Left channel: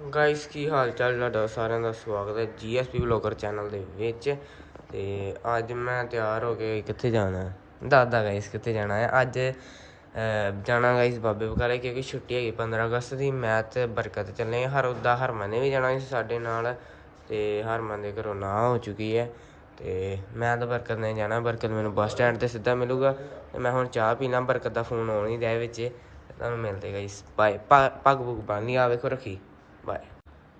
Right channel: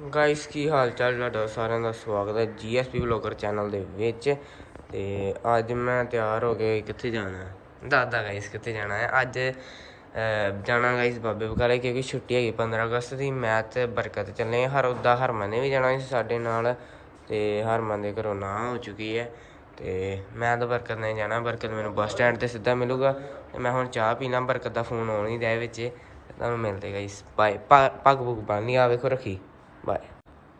Guys ਕੀ ਹਾਲ ਚਾਲ ਤੁਹਾਡਾ? ਸਾਰਿਆਂ ਦਾ ਸਵਾਗਤ ਹੈ ਜੀਐਸਪੀ ਵਲੌਗਰ ਚੈਨਲ ਦੇ ਵਿੱਚ। ਤੇ ਅੱਜ ਮੈਂ ਤਿਆਰ ਹੋ ਕੇ ਕਿੱਥੇ ਜਾਣਾ ਹੈ? ਦੱਸਦਾ ਗਾਇਸ ਕਿੱਥੇ ਜਾਣਾ ਹੈ। ਅੱਜ ਜਾਣਾ ਗਾਇਸ ਬਾਬੇ ਬਕਾਲੇ ਕਿਉਂਕਿ ਛੁੱਟੀ ਹੈਗੀ 15 ਅਗਸਤ ਦੀ। ਮੈਂ ਤੇ ਬਰਕਤ ਚੱਲੇ ਹਰ ਉਦਾਂ ਹਰਮਨ ਨੇ ਵੀ ਜਾਣਾ ਸੀ ਸਾਡੇ ਨਾਲ ਤੇ ਹਰਮਨ ਦੇ ਘਰੋਂ ਨਾ ਹੋ ਚੁੱਕੀ ਹੈ। ਤੇ ਮੈਂ ਤਾਂ ਬਰਕਤ ਨੇ ਜਾਣਾ। ਬਰਕਤ ਮੈਨੂੰ ਬੱਸ ਸਟੈਂਡ ਤੇ ਸਿੱਧਾ ਮਿਲੂਗਾ। ਤੇ ਮੈਂ ਹੁਣ ਚਾਹ ਪੀਣਾ ਬਰਕਤ ਦਾ ਫੋਨ ਆਉਣ ਹੀ ਰਿਹਾ ਵਿੱਚ। ਤੁਹਾਨੂੰ ਮਿਲਦੇ ਗਾਇਸ ਬਾਏ। ਪੱਗ ਪੁੱਗ ਬੰਨੀ ਆ ਵੇਖੋ ਰੱਖੀ। ਬਾਏ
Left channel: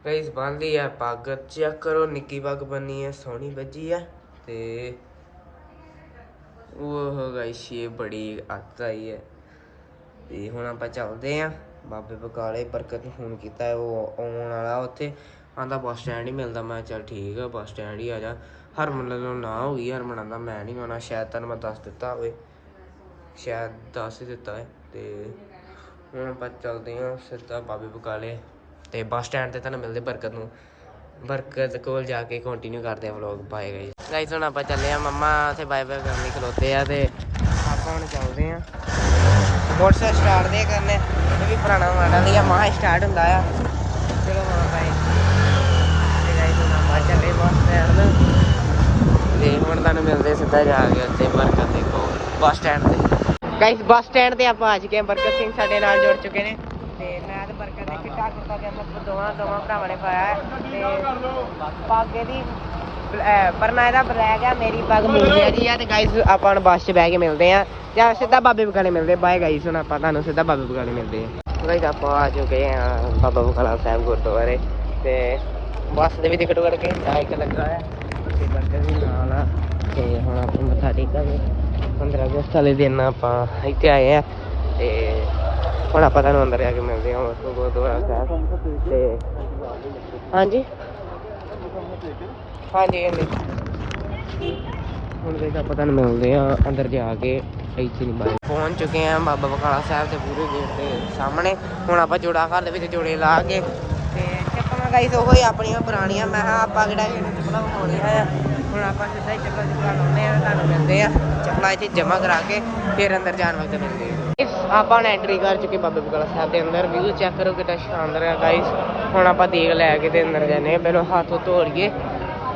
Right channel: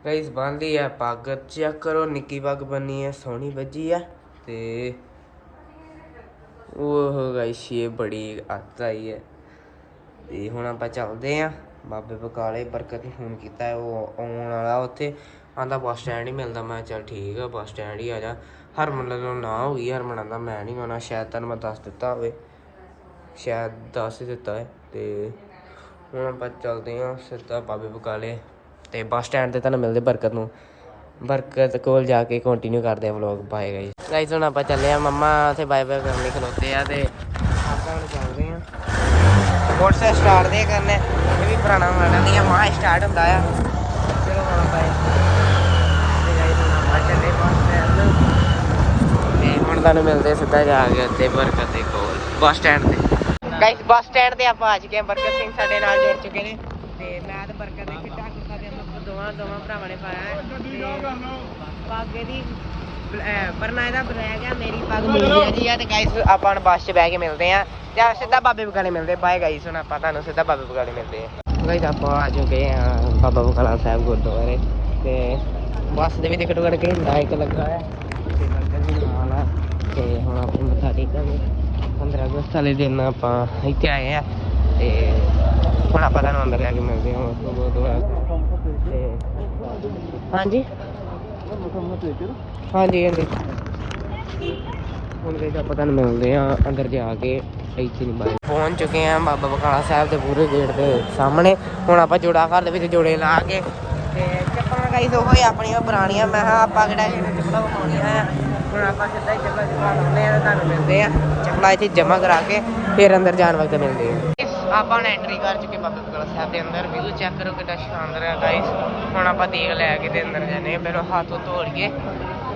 ਗਾਇਸ ਬੰਦੀ ਆ ਪੱਗ ਚੈੱਕ ਕਰੋ ਨਿੱਕੀ ਪੱਗ ਬੰਨੀ ਹੈ ਸੋਹਣੀ ਵੱਜੀ ਹੈ ਤੇ ਉਹ ਗਾਇਸ ਇਹ ਬੜੀ ਅੱਤ ਆਈ ਹੈ। ਤੇ ਹੁਣ ਆਪਾਂ ਚੱਲਦੇ ਆ। ਬਾਬੇ ਬਕਾਲੇ ਬਰਕਤ ਨੂੰ ਫੋਨ ਕੀਤਾ ਉਹ ਆਉਣ ਵਾਲਾ ਉੱਥੇ। ਆਂਦਾ ਬੱਸ ਸਟੈਂਡ ਹੀ ਮਿਲਦਾ, ਮੈਂ ਕਿਹਾ ਚੱਲ ਠੀਕ ਆ ਬੱਸ ਸਟੈਂਡ ਹੀ ਆ ਜਾ। ਹਰਮਨ ਨੂੰ ਨਾ ਹੋ ਗਈ, ਹਰਮਨ ਆਂਦਾ ਮੈਂ ਨਹੀਂ ਆਉਣਾ, ਸ਼ਾਇਦ ਤੈਨੂੰ ਮੈਂ ਦੱਸ ਦਿੱਤਾ ਹੋਵੇ। ਸ਼ਾਇਦ ਦੱਸ ਹੀ ਦਿੱਤਾ ਹੈ ਤੇ ਹੁਣ ਆਪਾਂ ਚੱਲਦੇ ਹਾਂ ਸਿੱਧਾ ਬਾਬੇ ਬਕਾਲੇ। ਤੇ ਬੱਸ ਸਟੈਂਡ ਤੇ ਤੁਹਾਨੂੰ ਮਿਲਦੇ ਬਰਕਤ ਨੂੰ। ਬਰਕਤ ਕੋਲ ਜਾ ਕੇ ਕੰਟੀਨਿਊ ਕਰਦੇ ਆ ਵਲੌਗ ਬਾਏ ਗਾਈਸ ਗਾਈਸ ਹੁਣ ਆਪਾਂ ਚੱਲੇ ਆ ਮੰਮਾ ਉੱਥੇ ਬਾਏ ਬਾਏ ਕਰਨ ਲਈ ਖਲੋਤੇ ਆ ਤੇ ਆਪਾਂ ਹੁਣ ਚੱਲਦੇ ਆ। ਮੋਟਰਸਾਈਕਲ ਸਟਾਰਟ ਦੇ ਕਰਨੇ ਇਹ ਵੀ ਪੁਰਾਣਾ ਮਾਡਲ ਹੈ ਮਹਾ ਸਟਾਰਟ ਹੁੰਦਾ ਆ। ਚਲੋ ਹੁਣ ਬਾਏ ਤੇ ਗਾਈਸ ਹੁਣ ਆਪਾਂ ਚੱਲੇ ਬੱਸ ਸਟੈਂਡ ਤੇ। ਹੁਣ ਤੁਹਾਨੂੰ ਮਿਲਦੇ ਸਿੱਧਾ ਜਾ ਕੇ ਉੱਤੇ ਬਰਕਤ ਦੇ ਕੋਲ, ਬੱਸ ਸਟੈਂਡ ਤੇ। ਗਾਈਸ ਬੱਸ ਸਟੈਂਡ ਤੇ ਆਪਾਂ ਆ ਚੁੱਕੇ ਹਾਂ ਬਰਕਤ ਸਿੰਘ ਸਾਡੇ ਨਾਲ ਜੁੜ ਚੁੱਕੇ ਨੇ। ਤੇ ਮੈਂ ਤੇ ਬਰਕਤ ਨੇ ਚਿੱਟਾ ਕੁੜਤਾ ਪਜਾਮਾ ਦੋਵਾਂ ਦੋਵਾਂ ਭਰਾਵਾਂ ਨੇ ਪਾਇਆ ਹੈ ਤੇ ਪੱਗ ਇਹਦੀ ਪਰਨਾ ਇਹਦਾ ਬਲੈਕ ਆ, ਮੇਰੀ ਪੱਗ ਮੂਲੀ ਆ ਆ ਤੇ ਗਾਈਸ ਆਪਾਂ ਹੁਣ ਬੱਸ 'ਚ ਬਹਿ ਕੇ ਮਿਲਦੇ ਆ। ਜਾਂ ਸਿੱਧਾ ਬਾਬੇ ਬਕਾਲੇ ਮਿਲਦੇ ਬਾਏ ਗਾਈਸ ਹੁਣ ਆਪਾਂ ਤੁਹਾਨੂੰ ਸਿੱਧਾ ਬਾਬੇ ਬਕਾਲੇ ਮਿਲਦੇ ਆ। ਗਾਈਸ ਆਪਾਂ ਆ ਚੁੱਕੇ ਆ ਬਾਬਾ ਬਕਾਲਾ ਸਾਹਿਬ ਗੁਰਦੁਆਰੇ ਤੇ ਬੱਸ ਦੇ ਵੀ ਟਿਕਟ ਕਰਕੇ ਲਾਈਟ ਲੱਗਾ ਹੈ ਤੇ ਬਰਕਤ ਵੀ ਨਾਲ ਆ ਤੇ ਹੁਣ ਆਪਾਂ ਮੱਥਾ ਟੇਕਾਂਗੇ। 15 ਅਗਸਤ ਵਾਲੇ ਦਿਨ ਆਪਾਂ ਇੱਥੇ ਆਏ ਆ ਤੇ ਹੁਣ ਆਪਾਂ ਤੁਹਾਨੂੰ ਅੰਦਰ ਜਾ ਕੇ ਮਿਲਦੇ ਹਾਂ ਉਸ ਗੁਰਦੁਆਰਾ ਸਾਹਿਬ ਤੇ ਹਾਂਜੀ? ਹਾਂਜੀ ਹਾਂਜੀ। ਹੁਣ ਦੇ ਆਪਾਂ ਤੁਹਾਨੂੰ ਮਿਲਦੇ ਆ ਅੰਦਰ ਜਾ ਕੇ ਇੱਥੇ ਨਹੀਂ ਬਾਈ। ਪਹੁੰਚ ਚੁੱਕੇ ਆ ਬਾਬਾ ਬਕਾਲਾ ਸਾਹਿਬ ਦੇ ਪੂਰੇ ਗੇਟ ਦੇ ਸਾਹਮਣੇ। ਹੁਣ ਆਪਾਂ ਜੋੜਾ ਘਰ ਦੇ ਵਿੱਚ ਜੋੜੇ ਲਾ ਕੇ ਤੇ ਚੱਪਲਾਂ ਗਾਈਸ ਉਹ ਹੀ ਆਪਣੀਆਂ ਪੁਰਾਣੀਆਂ। ਮੈਂ ਕਿਹਾ ਆਪਾਂ ਕਿਹੜਾ ਇਹਨੇ ਚੱਪਲਾਂ ਵਿਖਾਉਣੀਆਂ ਆ ਹੁਣ ਆਪਾਂ ਸਿੱਧਾ ਹੀ ਚੱਪਲਾਂ ਚੱਪਲਾਂ ਲਾਉਂਦੇ ਆ ਤੁਹਾਨੂੰ ਮਿਲਦੇ ਆ ਚੱਪਲਾਂ ਇੱਥੇ ਜਮ੍ਹਾਂ ਕਰਾ ਕੇ ਫਿਰ ਅੰਦਰ ਜਾਣ ਵਕਤ ਮਿਲਦੇ ਆ ਆਪਾਂ ਹੁਣ ਐਂਟਰੀ ਕਰ ਚੁੱਕੇ ਬਾਬੇ ਬਕਾਲਾ ਸਾਹਿਬ ਦੇ ਅੰਦਰ ਵਿਊ ਚੈੱਕ ਕਰੋ ਕਿੰਨਾ ਸ਼ਾਨਦਾਰ ਹੈ ਗਾਈਸ ਹੁਣ ਆਪਾਂ ਦੇਖ ਲੈ ਕੇ ਤੇ ਅੰਦਰ ਜਾਂਦੇ ਪਹਿਲਾਂ ਹੱਥ ਧੋ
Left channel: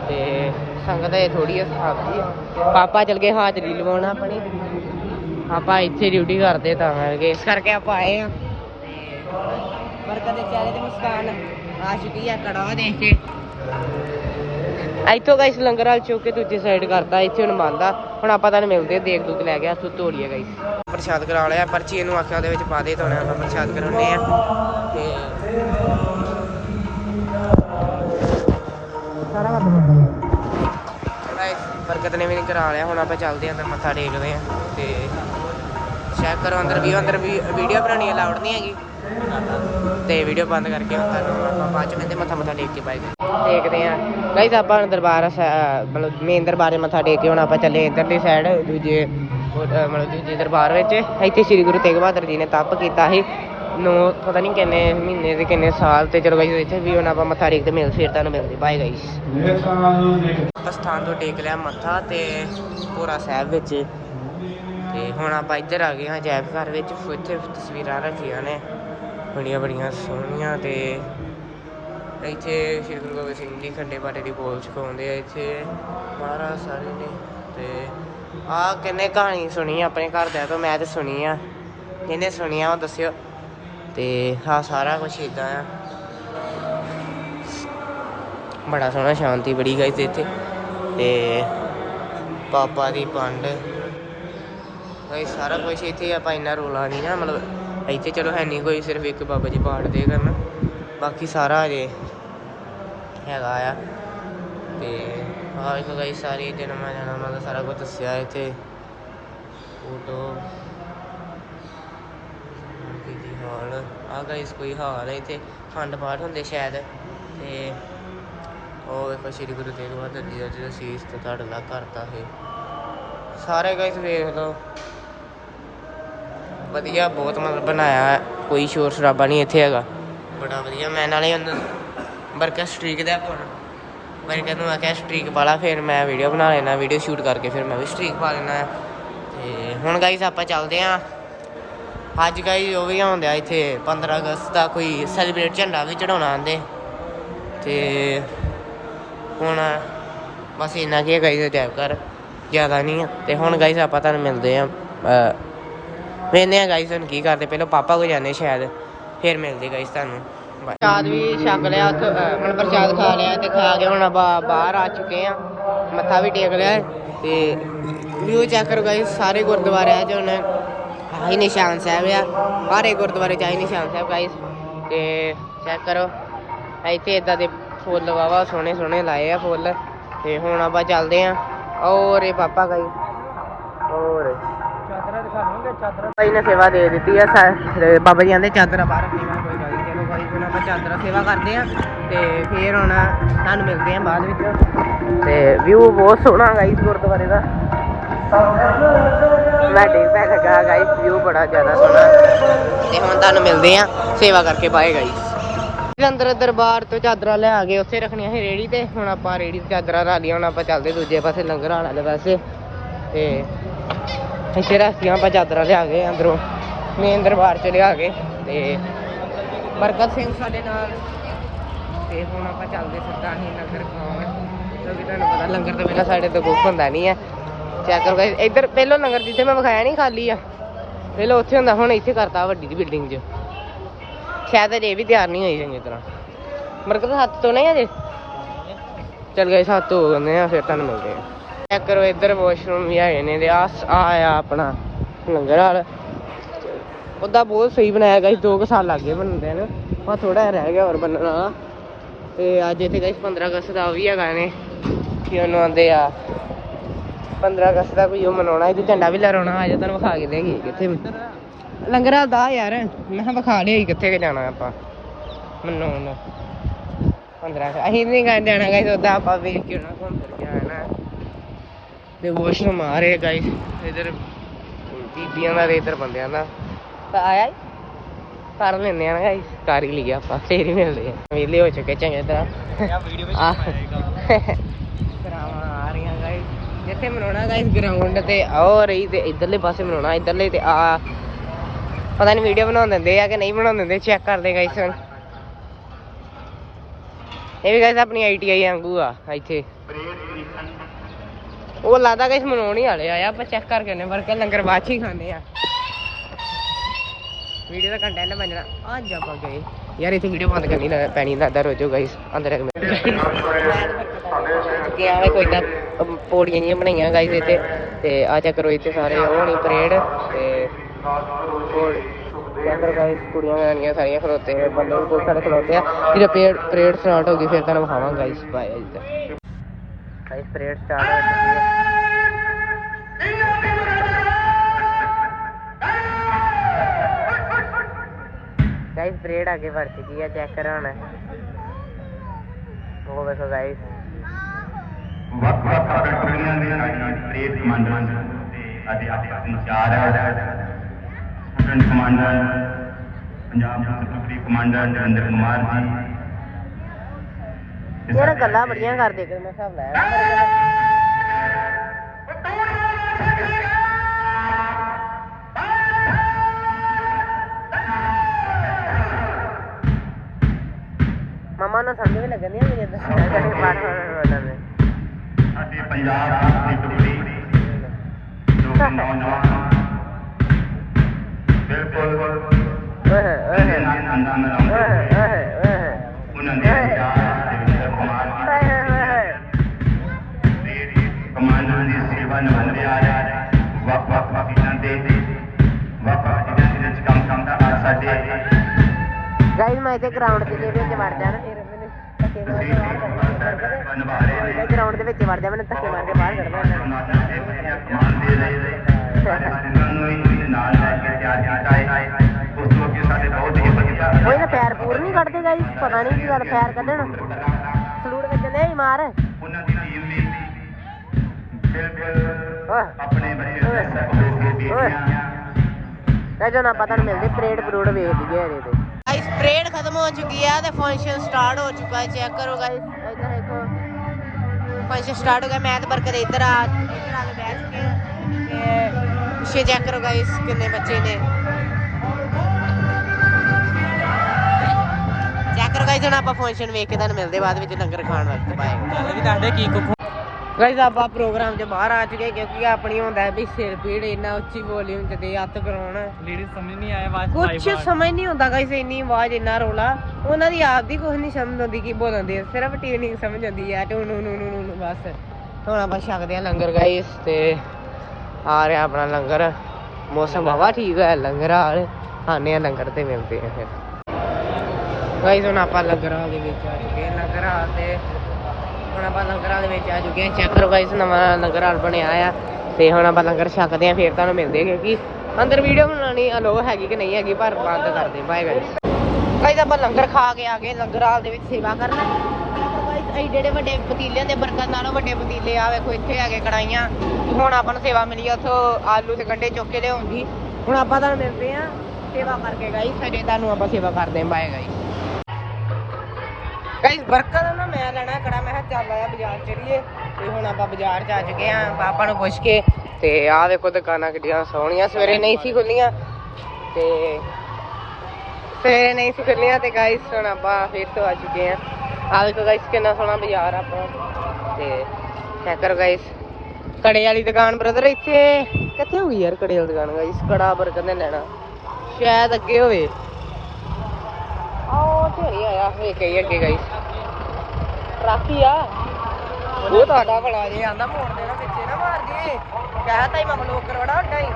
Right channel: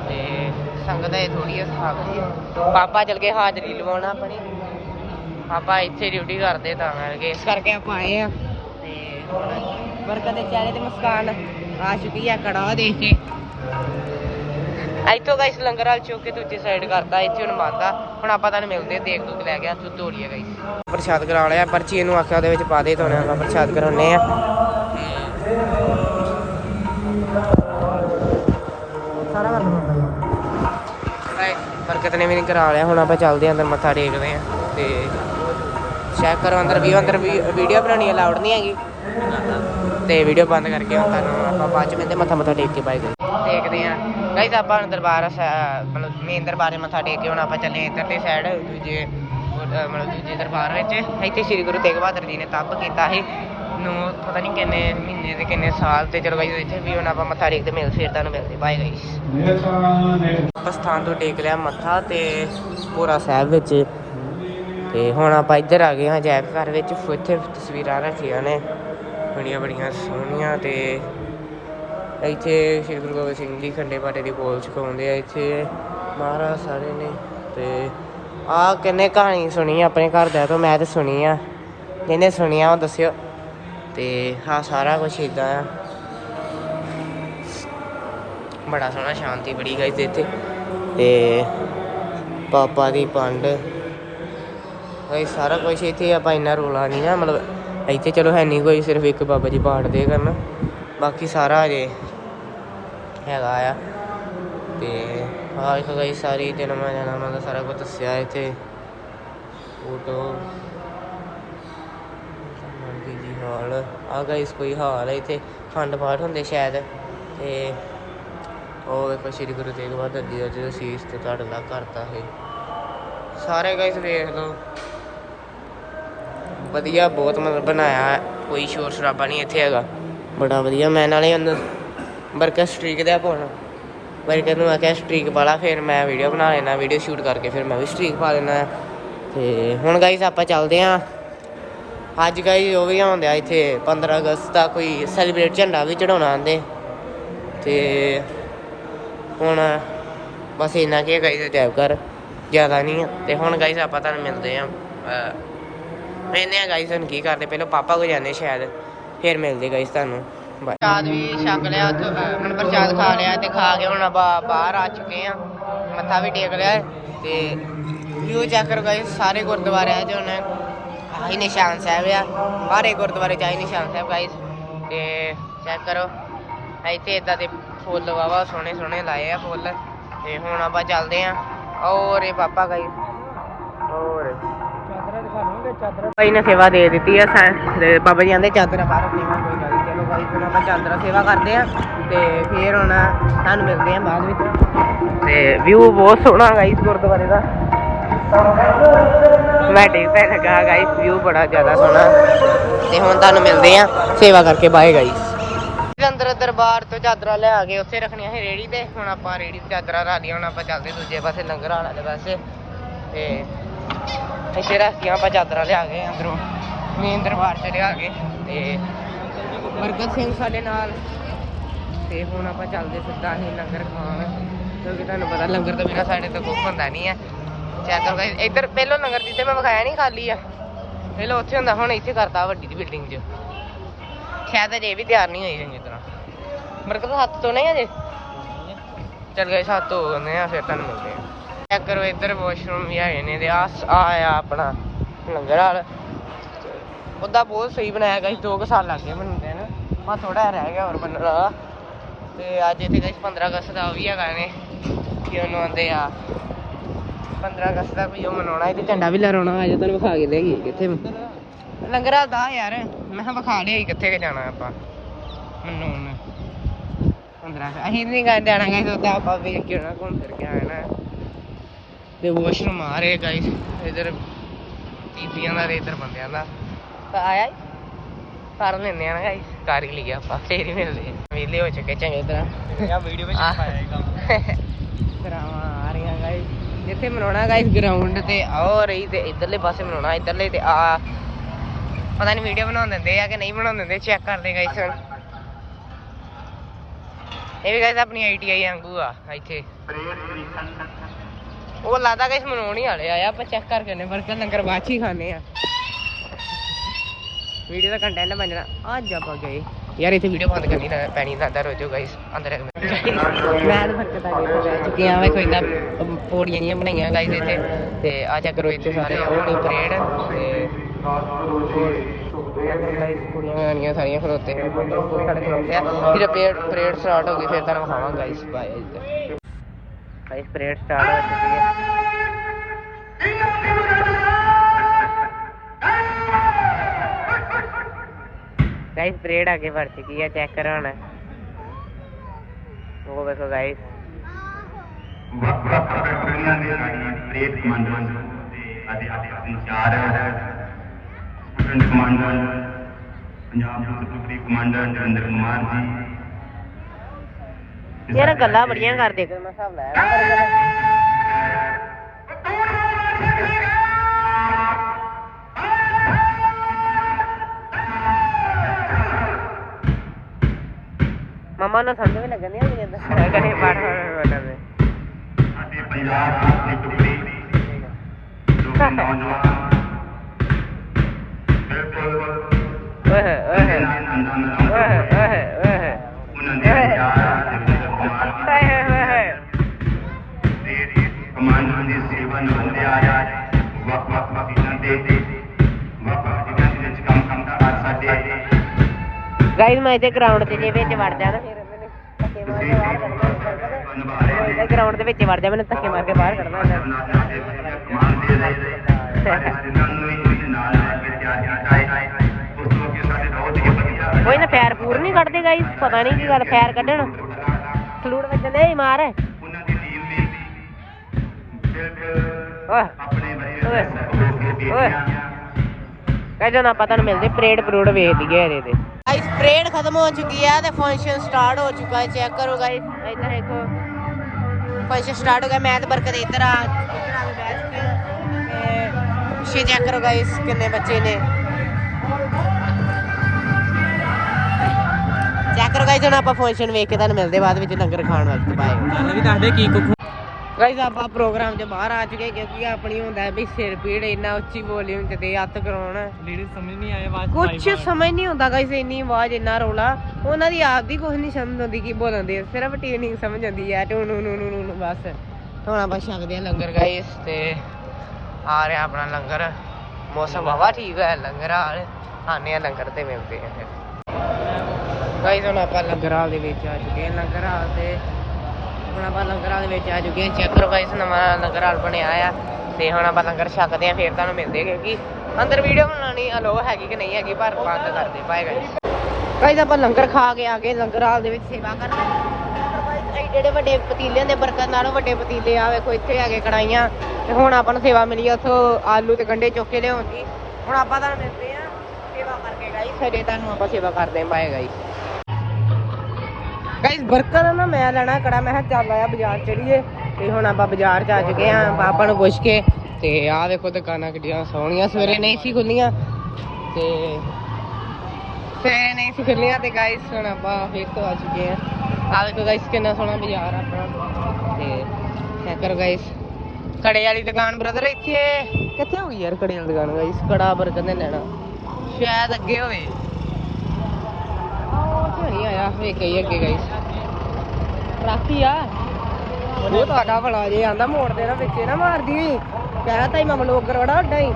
ਤੇ ਸੰਗਤ ਇਹ ਥੋੜੀ ਹੈ ਆਪਾਂ ਚਲ ਗਏ ਹਾਜ਼ਰੀ ਲਵਾਉਣਾ ਆਪਣੀ। ਆਪਾਂ ਇੱਥੇ ਡਿਊਟੀ ਕਰਦੇ ਤਾਂ ਕਰਕੇ ਇਸ ਕਰਕੇ ਆਪਾਂ ਆਏ ਆ ਤੇ ਹੁਣ ਬਰਕਤ ਦੇ ਚਿਹਰੇ ਤੇ ਮੁਸਕਾਨ ਆ ਚੁੱਕੀ ਆ ਕੜਾ ਦੇਖ ਕੇ। ਇੱਥੋਂ ਗਾਈਸ ਲੰਗਰ ਵਾਲ ਚੁੱਕ ਕੇ ਦੂਜੀ ਸਾਈਡ ਕਰਤਾ ਇੱਥੇ ਹੁਣ ਬੰਦਾ ਹੁਣ ਆਪਾਂ ਤੁਹਾਨੂੰ ਮਿਲਦੇ ਦੇਖ ਦੁੱਖ ਲੈ ਕੇ ਹੱਥੋਂ ਧੋ ਲਈਏ ਪ੍ਰਸ਼ਾਦ ਕਰਾ ਲਿਆ, ਪਰਚੀ ਇਹਨੂੰ ਆਖਿਆ ਉਹਦੇ ਵਿੱਚ ਪਾ ਦੇ ਤੋਣੇ ਆਪਾਂ ਪ੍ਰਸ਼ਾਦ ਕਰਾਉਨੇ ਆ ਬਰਕਤ ਨੇ ਵੀ ਨਹੀਂ ਕਰਾ ਲਿਆ, ਹੁਣ ਆਪਾਂ ਚੱਲਦੇ ਆਂ ਅੰਦਰ, ਮੱਥਾ ਟੇਕਦੇ ਆਂ ਤੇ ਚੈੱਕ ਕਰੋ ਅੰਦਰ ਵੀ ਅੰਦਰ ਵੀ ਵੀਡੀਓ ਬਣਾਉਣੀ ਅਲਾਉਡ ਨਹੀਂ ਹੈਗੀ। ਤੇ ਵੀਡੀਓ ਬੰਦ ਕਰਕੇ ਤੁਹਾਨੂੰ ਆਪਾਂ ਬਾਅਦ ਚ ਮਿਲਦੇ ਮੱਥਾ ਮੱਥਾ ਟੇਕ ਕੇ ਬਾਈ ਦੇਖਦੇ ਆਂ ਗਾਈਸ ਆਪਾਂ ਹੁਣ ਦਰਬਾਰ ਸਾਹਿਬ- ਮਤਲਬ ਮੇਨ ਦਰਬਾਰੇ ਮੱਥਾ ਟੇਕ ਕੇ ਹੁਣ ਆਪਾਂ ਚੱਲੇ ਇੱਧਰਲੀ ਸਾਈਡ ਦੂਜੇ ਮਤਲਬ ਦੂਜੇ ਦਰਬਾਰ ਵਿੱਚ। ਇੱਥੇ ਸ੍ਰੀ ਗੁਰੂ ਤੇਗ ਬਹਾਦਰ ਜੀ ਨੇ ਤਪ ਕੀਤਾ ਸੀ। ਨੋ, ਪਤਾ ਨਹੀਂ ਕਿੰਨੇ ਮਹੀਨੇ ਦੇ ਕਿੰਨੇ ਸਾਲ ਤੇ ਚਲੋ ਗਾਈਸ ਇੱਥੇ ਵੀ ਹੁਣ ਆਪਾਂ ਮੱਥਾ ਟੇਕਦੇ ਮਿਲ ਫਿਰ ਤੁਹਾਨੂੰ ਮਿਲਦੀ ਬਾਈ ਗਾਈਸ ਆਪਾਂ ਸਥਾਨ ਤੋਂ ਟੇਕ ਲਿਆ ਮੱਥਾ ਤੇ ਪੂਰਾ ਸਾਹਿਬ ਵਿੱਚ। ਤੇ ਹੁਣ ਆਪਾਂ ਇੱਧਰ ਆ ਗਏ ਹਾਂ ਜੈਬ ਘਰ ਵਿੱਚ। ਇੱਥੇ ਤਸਵੀਰਾਂ ਰੱਖੀਆਂ ਨੇ। ਬੜੀਆਂ ਬੜੀਆਂ ਸੋਹਣੀਆਂ ਤੇ ਇੱਥੇ ਸ਼੍ਰੀ ਗੁਰੂ ਗੋਬਿੰਦ ਸਿੰਘ ਜੀ ਖੰਡੇ ਬਾਟੇ ਦੀ ਬੋਲ ਚੁਕਾਉਂਦੇ ਆ ਇੱਥੇ। ਮਹਾਰਾਜ ਸਾਰੇ ਨੇ ਤੇ ਆ ਕਿੰਨੇ ਕਹਾਣੀ ਸੁਣੀ ਆ ਆਪਣੇ ਘਰਦਿਆਂ ਤੋਂ ਮੈਂ ਤੇ ਸੁਣੀ ਆ ਜਿਹਨੇ ਸੁਣੀ ਉਹ ਦੱਸਿਓ। ਤੇ ਹਾਂ, ਸਾਰਾ ਕੁਝ ਇਦਾਂ ਆ। ਬੜਾ ਸੋਹਣਾ ਸ਼ਾਂਤੀ ਬੜੀ ਗਈ ਇੱਥੇ। ਤੇ ਪਾਪਾ ਦੀ ਪੰਡ। ਇਹ ਸਾਰਾ ਕੁਝ ਇੱਥੇ ਆਪਾਂ ਇੰਨਾ ਰੋਲਾ ਨਹੀਂ ਨਾ, ਮਤਲਬ ਇੱਥੇ ਚਲੋ ਹੈ ਨਹੀਂ ਕੋਈ, ਸਿਰਫ ਇੱਕ ਬਾਬਾ ਜੀ ਪਾਠ ਦੇ ਕਰਨ। ਬਾਕੀ ਸਾਰਾ ਅਜੇ ਹੈਗਾ ਆ। ਤੇ ਆਹ ਇੱਕ ਗਈ ਸਾਰੀ ਜਨਮ ਜਨਮ ਦਾ ਸਾਰਾ ਕੁਝ ਦੱਸਿਆ ਇੱਥੇ। ਫੋਟੋ ਹਾਂਜੀ ਹਾਲ। ਆ ਗਾਇਸ ਕੋਈ ਹਾਲ ਹੈ ਇੱਥੇ। ਖੰਡ ਪਾਠ ਹੁੰਦੇ ਸ਼ਾਇਦ। ਤੇ ਉਹ ਵੇਖੋ ਸ੍ਰੀ ਗੁਰੂ ਤੇਗ ਬਹਾਦਰ ਜੀ ਦਾ ਜਿਹੜਾ ਸੀਸ ਤੇ ਤੁਹਾਡਾ ਕਰਤਾ ਹੈ ਸਾਰੇ ਗਾਇਸ ਵੇਖ ਲਓ। ਵਧੀਆ, ਬਹੁਤ ਮਤਲਬ ਬਣਾਇਆ। ਕੋਈ ਸ਼ੋਰ ਸ਼ਰਾਬਾ ਨਹੀਂ ਇੱਥੇ ਹੈਗਾ। ਬੜਾ ਵਧੀਆ। ਮੈਂ ਨਾਲੇ ਉਹਨੂੰ ਵਰਕਰ ਸਟ੍ਰੀਕ ਦਾ ਪਾਉਣਾ ਵਰਕਰ ਨੂੰ ਆਖਿਆ ਸਟ੍ਰੀਕ ਵਾਲਾ ਫਿਰ ਮੈਂ ਵੀਡੀਓ ਬਣਾ ਲੈਣਾ ਵੀਡੀਓ ਸ਼ੂਟ ਕਰਕੇ ਫਿਰ ਮੈਂ ਵੀ ਸਟ੍ਰੀਕ ਪਾ ਲੈਣਾ। ਹੈ ਤੇ ਹੁਣ ਗਾਈਸ ਆਪਾਂ ਚੱਲਦੇ ਆਂ। ਅੱਜ ਗਾਈ ਉਹ ਵੀ ਆਉਂਦੇ ਆ ਇੱਥੇ 15 ਅਗਸਤ ਦਾ ਕੋਈ ਸੈਲੀਬ੍ਰੇਟ ਝੰਡਾ ਵੀ ਚੜਾਉਣਾ ਆਂਦੇ ਤੇ ਹੁਣ ਬਸ ਇੰਨਾ ਕੀ ਗਾਈ ਟੈਪ ਕਰ। ਜ਼ਿਆਦਾ ਨਹੀਂ ਆ। ਤੇ ਹੁਣ ਗਾਈਸ ਆਪਾਂ ਤੁਹਾਨੂੰ ਮਿਲਦੇ ਆ ਵੇਨੇ ਆ ਗਾਈਸ ਹੁਣ ਕੀ ਕਰਦੇ, ਪਹਿਲਾਂ ਪਾਪਾ ਕੋ ਜਾਣੇ ਸ਼ਾਇਦ। ਫਿਰ ਮਿਲਦੇ ਗਾਈਸ ਤੁਹਾਨੂੰ। ਪ੍ਰਸ਼ਾਦ ਵੀ ਛਕ ਲਿਆ ਹੁਣ ਪ੍ਰਸ਼ਾਦ ਖਾ ਲਿਆ ਤੇ ਖਾ ਕੇ ਹੁਣ ਆਪਾਂ ਬਾਹਰ ਆ ਚੁੱਕੇ ਆ। ਮੱਥਾ ਵੀ ਟੇਕ ਲਿਆ। ਤੇ ਵਿਊ ਚੈੱਕ ਕਰੋ ਗਾਈਸ ਸਾਰੇ ਗੁਰਦੁਆਰੇ ਆ ਜੋ ਨੇ ਇਹ ਨਿਸ਼ਾਨ ਸਾਹਿਬ ਆ। ਬਾਹਰੇ ਗੁਰਦੁਆਰੇ ਆਈ ਨਿਸ਼ਾਨ ਸਾਹਿਬ ਗਾਈਸ ਤੇ ਚੈੱਕ ਕਰੋ। ਇੱਥੇ ਇਦਾਂ ਦੇ ਫੁੱਲ ਵਾਵਾ ਸੋਹਣੇ ਸੋਹਣੇ ਲਾਏ ਆ ਫੁੱਲ। ਤੇ ਹੁਣ ਆਪਾਂ ਚੱਲਦੇ ਆ। ਔਰ ਇਹ ਪਾਪਾ ਗਾਈ ਔਰ ਭਾਈ ਨੇ ਸੇਵਾ ਦੇ ਦਿੱਤੀ ਆ ਬਾਬਾ ਜੀ ਕਹਿੰਦੇ ਚਾਦਰਾਂ ਬਾਹਰ ਰੱਖਣੀਆਂ ਕੋਈ ਗੱਲ ਨੀ। ਹੁਣ ਆਪਾਂ ਚਾਦਰਾਂ ਸੇਵਾ ਕਰਦੇ ਆ ਤੇ ਫੇਰ ਹੁਣ ਤੁਹਾਨੂੰ ਮਿਲਦੇ ਆ ਬਾਅਦ ਵਿੱਚ। ਤੇ ਵਿਊ ਬਹੁਤ ਸੋਹਣਾ ਗਾਈਸ ਗੁਰਦੁਆਰੇ ਦਾ। ਮੈਂ ਦੇਖ ਪੈ ਲੱਗਾ ਗਾਈਸ ਵਿਊ ਬੜਾ ਜ਼ਿਆਦਾ ਸੋਹਣਾ। ਤੇ ਹੁਣ ਤੁਹਾਨੂੰ ਮਿਲਦੇ ਆ ਸੇਵਾ ਕਰਕੇ ਬਾਏ ਗਾਈਸ ਅੰਦਰ ਦਰਬਾਰ ਤੋਂ ਚਾਦਰਾਂ ਲੈ ਆ ਗਏ, ਉੱਥੇ ਰੱਖਣੀਆਂ ਸੀ ਰੇੜੀ ਤੇ। ਹੁਣ ਆਪਾਂ ਰੇੜੀ ਤੇ ਚਾਦਰਾਂ ਲਾ ਲਈਆਂ, ਹੁਣ ਆਪਾਂ ਚੱਲਦੇ ਦੂਜੇ ਪਾਸੇ ਲੰਗਰ ਵਾਲੇ ਦੇ ਪਾਸੇ ਤੇ ਇੱਥੇ ਰੱਖੀਆਂ ਆਪਾਂ ਚਾਦਰਾਂ ਲਿਆ ਗਏ ਅੰਦਰੋਂ ਮੇਨ ਦਰਬਾਰ ਚ ਲਿਆ ਕੇ। ਤੇ ਬਰਕਤ ਸਿੰਘ ਸਾਡੇ ਨਾਲ। ਤੇ ਹੁਣ ਆਪਾਂ ਚੱਲਦੇ ਸਿੱਧਾ ਹੀ ਲੰਗਰ ਖਾਣ ਕਿਉਂਕਿ ਤੁਹਾਨੂੰ ਪਤਾ ਲੰਗਰ ਤਾਂ ਮੇਰਾ ਸਾਡੇ ਤੋਂ ਕੁਝ ਹੁੰਦਾ ਨਹੀਂ ਹੈ। ਚੈੱਕ ਕਰੋ guys, ਇੱਧਰ ਪਹਿਲੋਂ ਲੰਗਰ ਜਿੱਥੇ ਮੈਂ ਵਿਖਾਇਆ ਨਹੀਂ ਖਾਲੀ ਆ। ਪਹਿਲਾਂ ਉੱਥੇ ਹੁੰਦਾ ਹੁਣ ਇੱਥੇ ਕਰਤਾ ਵੱਡੀ ਦੀ ਬਿਲਡਿੰਗ 'ਚ। ਸ਼ਾਇਦ ਅਜੇ ਵੀ ਤਿਆਰ ਨਹੀਂ ਹੋਈ ਚੰਗੀ ਤਰ੍ਹਾਂ। ਬਰਕਤ ਹੱਥ ਤੋਂ ਨਹੀਂ ਅਜੇ? ਚੱਲ ਗਏ ਹੱਥ ਧੋ ਗੰਦੇ ਆ ਫਿਰ ਤੁਹਾਨੂੰ ਮਿਲਦੇ ਆ। ਚੈੱਕ ਕਰੋ ਇੱਧਰ ਵਾਸ਼ਰੂਮ ਵੀ ਹੈਗੇ ਨੇ ਤੇ ਆ ਆਇਆ ਆਪਣਾ ਲੰਗਰ ਵਾਲਾ ਉਹਦਾ ਬਹੁਤ ਸਹੀ ਬਣਾਇਆ ਗਾਇਸ 2 ਸਾਲ ਲੱਗ ਗਏ ਬਣਦੇ ਨੇ। ਪਰ ਥੋੜਾ ਰਹਿ ਗਿਆ ਹੋਰ ਬਣਨ ਵਾਲਾ। ਤੇ ਅੱਜ ਇੱਥੇ ਗਾਇਸ 15 ਅਗਸਤ ਦਾ ਉਹ ਵੀ ਹੈਗਾ ਨੇ ਕਿ ਉਹਨੂੰ ਆਂਦੇ ਆ। 15 ਅਗਸਤ ਦਾ ਕੋਈ ਉਹ ਮਨਾਉਣਾ, ਇਹਦੀ ਝੰਡਾ ਵੀ ਲਹਿਰਾਉਣਾ, ਆ ਜਾ ਤੁਹਾਨੂੰ ਵਿਖਾ ਕੇ ਦੇਗੀ ਕਿੱਥੇ ਲੰਗਰ ਦਾ ਯਾਰ, ਮੈਂ ਕਿਹਾ ਵਿਖਾ ਲਿਆ ਸੀ ਕਿੱਥੇ ਕਿ ਜਾਣਾ ਆਪਾਂ, ਮਨਾਉਣ। 15 ਅਸੀਂ ਨਹੀਂ ਗਾ ਜਾਣਾ ਗਾਇਸ ਉਦਾਂ ਆਪਾਂ ਵੇਖ ਕੇ ਆਉਣਾ ਘੁੰਮ ਫਿਰ ਕੇ ਆਣਾ ਤੇ ਵਾਸ਼ਰੂਮ ਆ ਰਹੇ ਗਾਇਸ ਇਧਰ ਬੀਬੀਆਂ ਦਾ ਤੇ ਇਧਰ ਬੰਦਿਆਂ ਦਾ। ਆਇਆ। ਕਰ ਲੈਨੇ ਆ ਗਾਇਸ ਕਰ ਹੀ ਲਿਆ ਆਪਾਂ ਫੇਰ ਹੀ ਮਿਲਦੇ ਆ ਵੇਲੇ ਹੋ ਚੁੱਕੇ ਚੰਗੇ ਤਰ੍ਹਾਂ। ਵੀਡੀਓ ਵਿੱਚ ਕਰਾਵਾਂ ਆ ਰਹੀਆਂ ਗਾਇਸ ਜਿੱਥੇ ਮਨਾਉਣਾ ਗਾਇਸ ਗਰਾਊਂਡ ਤੇ ਆਓ ਰਹੀ ਤੇ ਇਧਰਲੇ ਪਾਸੇ ਮਨਾਉਣਾ ਇਧਰਲੇ ਤੇ ਆ। ਪਤਾ ਨਹੀਂ ਵੀਡੀਓ ਬਣਾਉਣ ਦਿੰਦੇ ਆ ਕਿ ਨਹੀਂ ਬਣਾਉਣ ਦਿੰਦੇ ਚੈੱਕ ਕਰਦੇ ਗਾਇਸ ਹੁਣ। ਇਹ ਵੀ ਗਾਇਸ ਆਪਣੀ ਆਈਟੀਆਈ ਵਾਂਗੂ ਆ ਇੱਥੇ। ਉਹ ਲਾਦਾ ਗਾਇਸ ਮਨਾਉਣ ਹੀ ਵਾਲੇ। ਆ ਆਪਾਂ ਚੈੱਕ ਕਰਕੇ ਨੇ ਬਰਗਰ ਲੰਗਰ ਬਾਅਦ 'ਚ ਹੀ ਖਾਣੇ ਆ ਵੀਡੀਓ ਦਾ ਕੰਟੈਂਟ ਬਣਨਾ ਅੱਜ ਆਪਾਂ ਗਏ। ਯਾਰ ਇੱਥੇ ਵੀਡੀਓ ਬੰਦ ਕਰਨੀ ਨਾ, ਪੈਣੀ ਦਾ ਡਰ ਹੋ ਜਾਊ ਗਾਇਸ ਅੰਦਰ ਇੱਕ ਮੈਂ ਬਰਕਤ ਆ ਗਏ ਤੇ ਬਹਿ ਚੁੱਕੀ ਆ ਵੇਖੋ ਇਦਾਂ ਪੌੜੀਆਂ ਜੀਆਂ ਬਣਾਈਆਂ ਗਾਇਸ ਇੱਥੇ। ਤੇ ਆ ਚੈੱਕ ਕਰੋ ਇੱਥੇ ਸਾਰੇ ਹੋਣੀ ਪਰੇਡ ਤੇ ਹੋਰ ਚੈੱਕ ਗਾਇਸ ਕੁੜੀਆਂ ਗਾਣੀਆਂ ਸਾਰੀਆਂ ਖਲੋਤੇ ਬੰਦੇ ਵੀ ਬਹੁਤ ਸਾਰੇ ਖਲੋਤੇ ਆ। ਫਿਰ ਪਰੇਡ ਪਰੇਡ ਸਟਾਰਟ ਹੋ ਗਈ, ਫਿਰ ਤੁਹਾਨੂੰ ਵਿਖਾਵਾਂਗਾ guys bye guys parade start ਹੋ ਚੁੱਕੀ ਹੈ। ਗਾਇਸ ਪਰੇਡ ਅੱਗੇ ਵੜ ਚੁੱਕੀ ਹੈ ਚੈੱਕ ਕਰੋ ਹੁਣ। ਉਹ ਵੇਖੋ ਗਾਇਸ ਵੱਖ ਵੱਖ ਫੈਕਟਰੀਆਂ ਦੇ ਸਾਡੀ ਕਮਾਂਡਰ ਤੇ ਅਧਿਆਪਕ incharge student commander Punjab secretary commander Narinder Kumar ji ਯਾਰ, ਗੱਲਾਂ ਬੜੀਆਂ ਕਰਦੇ ਕਿ ਮੈਂ ਹਿਸਾਬ ਲਾਇਆ। ਮਮਾ ਨੂੰ ਸਮਝ ਵੀ ਲੱਗਣੀ ਤਾਂ ਸਾਡੇ ਪੰਜਾਬ ਦੀ ਟੁਕੜੀ ਜੋ ਨੌਜਵਾਨ ਬਿਲਕੁਲ ਓਏ ਓਏ ਓਏ ਹੋਏ, ਓਏ ਹੋਏ, ਓਏ ਹੋਏ। ਉਹਨਾਂ ਦੇ ਇੰਚਾਰਜ ਨਰਿੰਦਰ ਕੁਮਾਰ ਜੀ ਹਾਏ ਹਾਏ ਹੋਏ ਹੋਏ। ਤੇ ਕਮਾਂਡਰ ਦੀ ਸੇਵਾ ਨਿਭਾਉਂਦੇ ਆ ਰਹੇ ਵੱਖ ਵੱਖ ਵਕੀਲਾਂ ਦੇ ਵੱਖ ਵੱਖ ਜ਼ਿਲ੍ਹਿਆਂ ਦੇ ਵਿੱਚ ਕੰਮ ਕਰਦਾ ਆ ਸਾਡੇ ਗਾਈਸ ਮੈਂ ਇੱਥੇ ਗਰਾਊਂਡ ਦੇ ਵਿੱਚ ਵੜ ਜਾਣਾ ਫਿਰ ਮੈਨੂੰ ਗਰਾਊਂਡ ਦੇ ਵਿੱਚ ਵੜ ਜਾ ਮੈਨੂੰ ਧੱਕੇ ਮਾਰ ਕੇ ਬਾਹਰ ਕੱਢਣਾ ਇਹਨਾਂ ਨੇ। ਕਮਾਨ ਪੂਰ ਨਹੀਂ ਕੱਢਦੇ ਗਾਈਸ ਪਤਾ ਨਹੀਂ ਕੀ ਗੱਲ ਪੈਰ ਕੱਢਣ ਸਲੂਟ ਵੱਜਦੇ ਹੀ ਮਾਰ ਉਹਨਾਂ ਦੀ ਟੀਮ ਵੀ ਬਿਲਕੁਲ ਆਪਣੇ ਓਏ। ਓਏ। ਕਹਿੰਦੇ ਨਾ ਪਤਾ ਨੂੰ ਮਿਲਦੇ ਪਰੇਡ ਪਰੂਡ ਵੇਖ ਲਈਏ ਇਹਦੇ ਤੇ। ਗਾਇਸ ਪਰੇਡ ਖਤਮ ਹੋ ਚੁੱਕੀ ਹੈ ਤੇ ਫੰਕਸ਼ਨ ਸਟਾਰਟ ਹੋ ਚੁੱਕਾ ਹੈ ਚੈੱਕ ਕਰੋ ਗਾਇਸ ਇਧਰ ਦੇਖੋ ਫੰਕਸ਼ਨ ਸਟਾਰਟ ਹੋ ਗਿਆ ਮੈਂ ਤੇ ਬਰਕਤ ਇਧਰ ਆ ਇਧਰ ਆ ਕੇ ਬੈਠ ਚੁੱਕੇ ਤੇ ਸ਼ੇ ਚੈੱਕ ਕਰੋ ਗਾਇਸ ਕਿੰਨੇ ਬੱਚੇ ਨੇ। ਚੈੱਕ ਕਰੋ ਗਾਇਸ ਹੁਣ ਆਪਾਂ ਫੰਕਸ਼ਨ ਵੇਖ ਕੇ ਤੁਹਾਨੂੰ ਮਿਲਦੇ ਬਾਅਦ ਵਿੱਚ ਲੰਗਰ ਖਾਣ ਵਕਤ ਪਾਏ। ਚੱਲ ਵੀ ਦੱਸਦੇ ਕੀ ਕੁੱਖ ਗਾਇਸ ਆਪਾਂ ਪ੍ਰੋਗਰਾਮ 'ਚ ਬਾਹਰ ਆ ਚੁੱਕੇ ਕਿਉਂਕਿ ਆਪਣੀ ਹੁੰਦਾ ਵੀ ਸਿਰ ਪੀੜ ਇੰਨਾ ਉੱਚੀ ਵੋਲਿਊਮ 'ਚ ਦੇ ਹੱਥ ਕਰਾਉਣ ਲੇਡੀ ਸਮਝ ਨਹੀਂ ਆਇਆ ਆਵਾਜ਼ ਕੁਛ ਸਮਝ ਨਹੀਂ ਹੁੰਦਾ ਗਾਇਸ ਇੰਨੀ ਆਵਾਜ਼ ਇੰਨਾ ਰੋਲਾ। ਉਹਨਾਂ ਦੀ ਆਪ ਦੀ ਕੁਝ ਨਹੀਂ ਸਮਝ ਆਉਂਦੀ ਕੀ ਬੋਲਣ ਦੀ ਸਿਰਫ ਟਿਊਨਿੰਗ ਸਮਝ ਆਉਂਦੀ ਹੈ ਟੂ ਨੂੰ ਨੂੰ ਨੂੰ ਨੂੰ ਬਸ। ਹੁਣ ਆਪਾਂ ਛਕਦੇ ਆ ਲੰਗਰ ਗਾਇਸ ਤੇ ਆ ਰਿਹਾ ਆਪਣਾ ਲੰਗਰ। ਮੌਸਮ ਹਵਾ ਠੀਕ ਹੈ ਲੰਗਰ ਆ ਲੰਗਰ ਤੇ ਮਿਲਦੇ ਆ ਫਿਰ। ਗਾਇਸ ਹੁਣ ਆਪਾਂ ਲੰਗਰ ਹਾਲ ਦੇ ਵਿੱਚ ਆ ਚੁੱਕੇ ਹਾਂ ਲੰਗਰ ਹਾਲ ਤੇ ਹੁਣ ਆਪਾਂ ਲੰਗਰ ਦੇ ਵਿੱਚ ਆ ਚੁੱਕੇ ਹਾਂ। ਚੈੱਕ ਕਰੋ ਗਾਇਸ ਨਵਾਂ ਲੰਗਰ ਹਾਲ ਬਣਿਆ ਆ। ਤੇ ਹੁਣ ਆਪਾਂ ਲੰਗਰ ਛਕਦੇ ਆ ਫਿਰ ਤੁਹਾਨੂੰ ਮਿਲਦੇ ਆ ਕਿਉਂਕਿ ਅੰਦਰ ਵੀਡੀਓ ਬਣਾਉਣੀ ਅਲੋ ਹੈਗੀ ਕਿ ਨਹੀਂ ਹੈਗੀ, ਪਰ ਬਾਤ ਕਰਦੇ ਪਾਏ ਗਾਇਸ ਆਪਾਂ ਲੰਗਰ ਖਾ ਕੇ ਆ ਗਏ, ਲੰਗਰ ਹਾਲ ਦੇ ਵਿੱਚ ਸੇਵਾ ਕਰਨਾ। ਅਸੀਂ ਜਿਹੜੇ ਵੱਡੇ ਪਤੀਲਿਆਂ ਦੇ ਬਰਕਤ ਨਾਲੋਂ ਵੱਡੇ ਪਤੀਲੇ ਆ, ਵੇਖੋ ਇੱਥੇ ਆ ਕੇ ਕੜਾਈਆਂ ਤੇ ਹੁਣ ਆਪਾਂ ਨੂੰ ਸੇਵਾ ਮਿਲੀ ਉੱਥੋਂ ਆਲੂ ਤੇ ਗੰਡੇ ਚੁੱਕ ਕੇ ਲਿਆਉਣ ਹੁਣ ਆਪਾਂ ਤੁਹਾਨੂੰ ਮਿਲਦੇ ਆ ਸੇਵਾ ਕਰਕੇ ਗਾਇਸ ਸਰੇ ਤੁਹਾਨੂੰ ਆਪਾਂ ਸੇਵਾ ਕਰਦੇ ਆਂ ਬਾਏ ਗਾਇਸ। ਗਾਇਸ ਬਰਕਤ ਨਾ ਮੈਂ ਲੈਣਾ ਕੜਾ, ਮੈਂ ਕਿਹਾ ਚੱਲ ਆਇਆ ਬਾਜ਼ਾਰ ਚੜੀਏ। ਤੇ ਹੁਣ ਆਪਾਂ ਬਾਜ਼ਾਰ ਚ ਆ ਚੁੱਕੇ ਆਂ ਪਾਪਾ ਨੂੰ ਪੁੱਛ ਕੇ। ਤੇ ਆਹ ਦੇਖੋ ਦੁਕਾਨਾਂ ਕਿੱਡੀਆਂ ਸੋਹਣੀਆਂ, ਸਵੇਰੇ ਨਹੀਂ ਸੀ ਖੁੱਲੀਆਂ ਤੇ ਸਵੇਰੇ ਨਹੀਂ ਸੀ ਖੁੱਲੀਆਂ ਤੇ ਗਾਇਸ, ਹੁਣ ਆਪਾਂ ਫਿਰ ਤੋਂ ਆ ਚੁੱਕੇ ਆਂ ਆਹ ਦੇਖੋ ਗਾਇਸ, ਕਿੰਨਾ ਸੋਹਣਾ ਬਾਜ਼ਾਰ ਆ ਆਪਣਾ। ਤੇ ਚੈੱਕ ਕਰੋ ਗਾਇਸ। ਕੜੇ ਵਾਲੀ ਦੁਕਾਨ ਬ੍ਰਦਰ ਇੱਥੇ। ਕਿੱਥੇ ਹੋਈ ਯਾਰ ਕੜੇ ਵਾਲੀ ਦੁਕਾਨ ਗਾਇਸ? ਕੜਾ ਬਰਕਤ ਨੇ ਲੈਣਾ। ਸ਼ਾਇਦ ਅੱਗੇ ਹੋਵੇ। ਵੇਖ ਕੇ ਅੱਗੇ ਗਾਇਸ ਟਰਾਕੀ ਆ। ਉਹ ਤਾਂ ਅੱਡਾ ਬਣਾ ਜੇ ਆਂਦਾ ਮੋੜ ਦੇਣਾ ਵਿੱਚੇ ਨਾ ਮਾਰਦੀ। ਕਹਿਤਾ ਹੀ ਮੈਂ ਬਲੋਗਰ ਬੜਾ ਅੱਡਾ ਹੀ।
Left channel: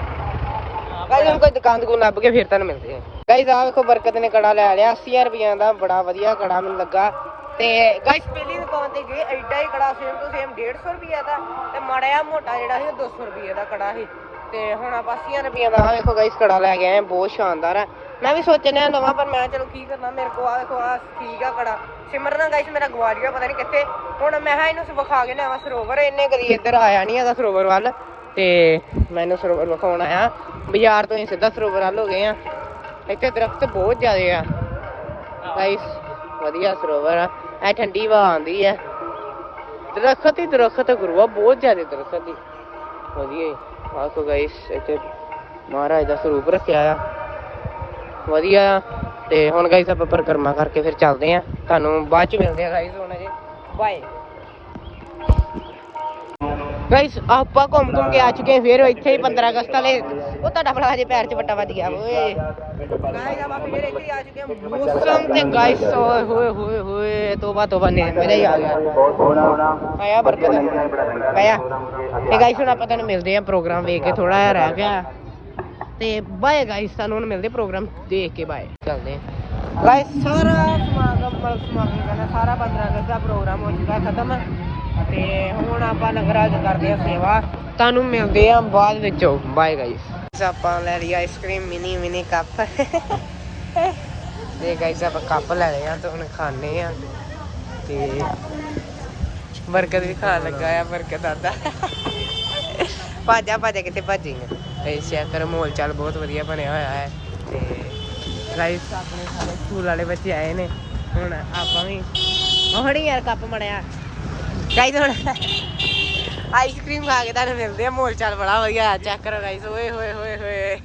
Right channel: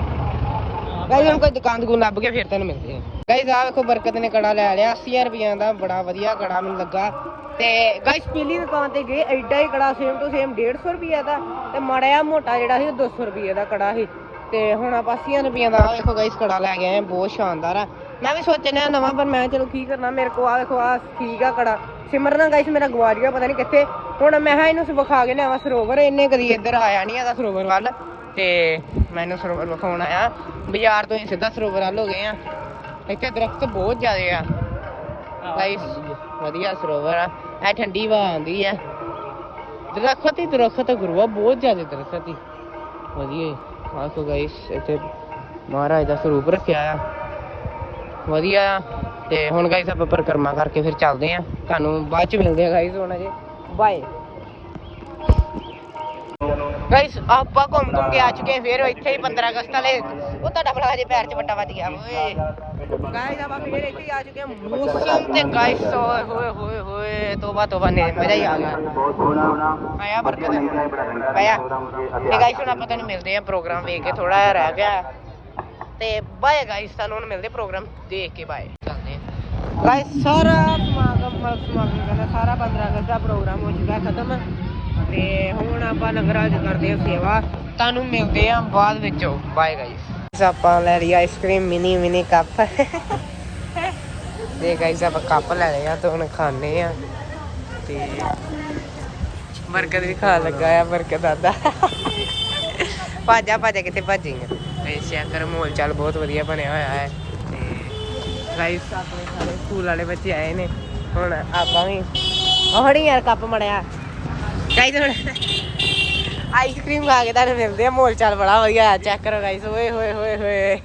ਗਾਇਸ ਹੁਣ ਕੋਈ ਦੁਕਾਨ ਦੁਕਾਨ ਲੱਭ ਕੇ ਫਿਰ ਤੁਹਾਨੂੰ ਮਿਲਦੇ ਆ। ਗਾਇਸ ਆਹ ਵੇਖੋ ਬਰਕਤ ਨੇ ਕੜਾ ਲੈ ਲਿਆ 80000 ਰੁਪਈਆ ਦਾ ਬੜਾ ਵਧੀਆ ਕੜਾ ਮੈਨੂੰ ਲੱਗਾ। ਤੇ ਗਾਇਸ ਪਹਿਲੀ ਦੁਕਾਨ ਤੇ ਗਏ, ਐਡਾ ਹੀ ਕੜਾ ਸੇਮ ਟੂ ਸੇਮ 150 ਰੁਪਈਆ ਦਾ। ਤੇ ਮਾੜਾ ਮੋਟਾ ਜਿਹੜਾ ਸੀ, ਉਹ 200 ਰੁਪਈਏ ਦਾ ਕੜਾ ਸੀ। ਤੇ ਹੁਣ ਆਪਾਂ 80 ਰੁਪਈਆ ਦਾ, ਆਹ ਵੇਖੋ ਗਾਇਸ ਕੜਾ ਲੈ ਕੇ ਆਏ ਬਹੁਤ ਸ਼ਾਨਦਾਰ ਹੈ ਮੈਂ ਵੀ ਸੋਚ ਲਿਆ ਨਵਾਂ ਪਰ ਮੈਂ ਚਲੋ ਕੀ ਕਰਨਾ ਮੇਰੇ ਕੋਲ ਆ ਵੇਖੋ ਆ ਠੀਕ ਆ ਕੜਾ। ਸਿਮਰਨ ਗਾਇਸ ਮੇਰਾ ਗਵਾਚ ਗਿਆ ਪਤਾ ਨਹੀਂ ਕਿੱਥੇ। ਹੁਣ ਮੈਂ ਹਾਂ ਇਹਨੂੰ ਵਿਖਾ ਕੇ ਲਿਆਵਾਂ ਸਰੋਵਰ ਇਹਨੇ ਕਦੀ ਇੱਧਰ ਆਇਆ ਨਹੀਂ ਹੈਗਾ ਸਰੋਵਰ ਵੱਲ। ਤੇ ਮੈਨੂੰ ਸਰੋਵਰ ਵਿਖਾਉਣ ਆਇਆ। ਬਾਜ਼ਾਰ ਤੋਂ ਹੀ ਸਿੱਧਾ ਸਰੋਵਰ ਵੱਲ ਹੋ ਗਏ ਆ। ਇੱਥੇ ਦਰਖਤ ਬਹੁਤ ਜ਼ਿਆਦੇ ਆ। ਗਾਇਸ ਵਧੀਆ ਸਰੋਵਰ ਆ। ਐ ਠੰਡੀ ਹਵਾ ਆਉਂਦੀ ਆ। ਦਰਖਤ ਹੀ ਦਰਖਤ ਗੁਰੂਆ ਬਹੁਤ ਜ਼ਿਆਦੇ ਦਰਖਤ ਹੀ। ਵਧੀਆ ਹੀ। ਆਖੋ ਗਾਇਸ ਇੱਥੇ ਮਹਾਰਾਜ ਦਾ ਸਰੂਪ ਰੱਖਿਆ ਆ। ਵਧੀਆ ਆ। ਤੇ ਹੁਣ ਗਾਇਸ ਆਪਾਂ ਪਰਿਕਰਮਾ ਕਰਕੇ ਫਿਰ ਚੱਲਦੇ ਆ ਤੁਹਾਨੂੰ ਬਾਅਦ ਚ ਮਿਲਦੇ ਆ ਗਾਇਸ ਹੁਣ ਅਜੇ। ਬਾਏ ਗਾਇਸ ਆਪਾਂ ਘੁੰਮ ਘੁੰਮ ਕੇ ਆ ਚੁੱਕੇ ਹਾਂ, ਫਿਰ ਇੱਥੇ ਹੀ 15 ਅਗਸਤ ਵਾਲੇ। ਉਹ ਤੁਹਾਡਾ ਬਣਾ ਹਜੇ ਪੈਰ 'ਚ ਵੱਟਾ ਵੱਜ ਗਿਆ, ਓਏ। ਗਾਇਸ ਆਪਾਂ ਫਿਰ ਇੱਥੇ ਹੀ ਆ ਚੁੱਕੇ ਹਾਂ ਮੌਸਮ ਤੇ ਗਾਇਸ ਓਏ, ਹੋਏ ਹੋਏ ਹੋਏ, ਤੋਬਾ ਤੋਬਾ ਨੇ ਮਜ਼ਾ ਹੀ ਆ ਗਿਆ ਆਇਆ ਬਰਕਤ। ਆਇਆ। ਤੇ ਗਾਇਸ ਹੁਣ ਆਪਾਂ ਤੁਹਾਨੂੰ ਮਿਲਦੇ ਆ ਪ੍ਰੋਗਰਾਮ ਵੇਖ ਕੇ ਥੋੜਾ ਜਿਹਾ ਰਹਿ ਗਿਆ। ਤੇ ਬਾਏ ਗਾਇਸ ਸਾਨੂੰ ਹੁਣ ਮਿਲਦੇ ਪ੍ਰੋਗਰਾਮ ਦੇਖ ਕੇ ਬਾਏ। ਚੱਲਦੇ ਆ। ਗਾਇਸ ਸਾਰਾ ਸਮਾਗਮ ਸਮਾਗਮ ਕਰਨਾ ਸਾਰਾ 15 ਅਗਸਤ ਦਾ ਪ੍ਰੋਗਰਾਮ ਹੋ ਚੁੱਕਾ ਖਤਮ। ਤੇ ਹੁਣ ਆਪਾਂ ਲੰਗਰਾਂ 'ਚ ਕਰਦੇ ਆ ਸੇਵਾ। ਤੁਹਾਨੂੰ ਮਿਲਦੇ ਆ ਬਾਅਦ ਵਿੱਚੋਂ। ਬਾਏ ਗਾਇਸ ਆਪਾਂ ਲੈ ਲਈ ice cream mini mini cup ਤੇ ਗਾਇਸ ਆਪਾਂ ਕੱਪ ਲੈ ਲਏ ਆ ਤੇ ਹੁਣ ਖਾਣੇ ਆ। ਤੇ ਬਰਗਰ ਵੀ ਖਾਣ ਲੱਗਾ ਆ ਬਰਗਰ ਦਾਦਾ। ਭਾਜਾ ਭਾਜਾ ਕਿਤੇ ਭੱਜੀਆਂ ਤੇ ਸ਼ੈਕਰ ਮੋਲ ਚਾਲ ਬਹੁਤ ਵਧੀਆ ਬਣਿਆ ਹੋਇਆ ਹੈ ਤੇ ਗਾਇਸ ਆਪਣੇ ਸਾਰੇ ਸਕੂਲ ਵਾਲੇ ਬੱਚੇ ਆਏ ਨੇ। ਹੁਣ ਆਪਾਂ ਵੀ ਉਹੜੀ ਯਾਰ ਕੱਪ ਮੜਿਆ। ਗਾਇਸ ਹੁਣ ਆਈਸਕ੍ਰੀਮ ਖਾ ਕੇ ਤੁਹਾਨੂੰ ਮਿਲਦੇ ਆ। ਮੋਲ ਚਾਲ ਬੜਾ ਵਧੀਆ ਚੈੱਕ ਕਰੋ ਗਾਇਸ ਓਏ ਹੋਏ ਹੋਏ ਹੋਏ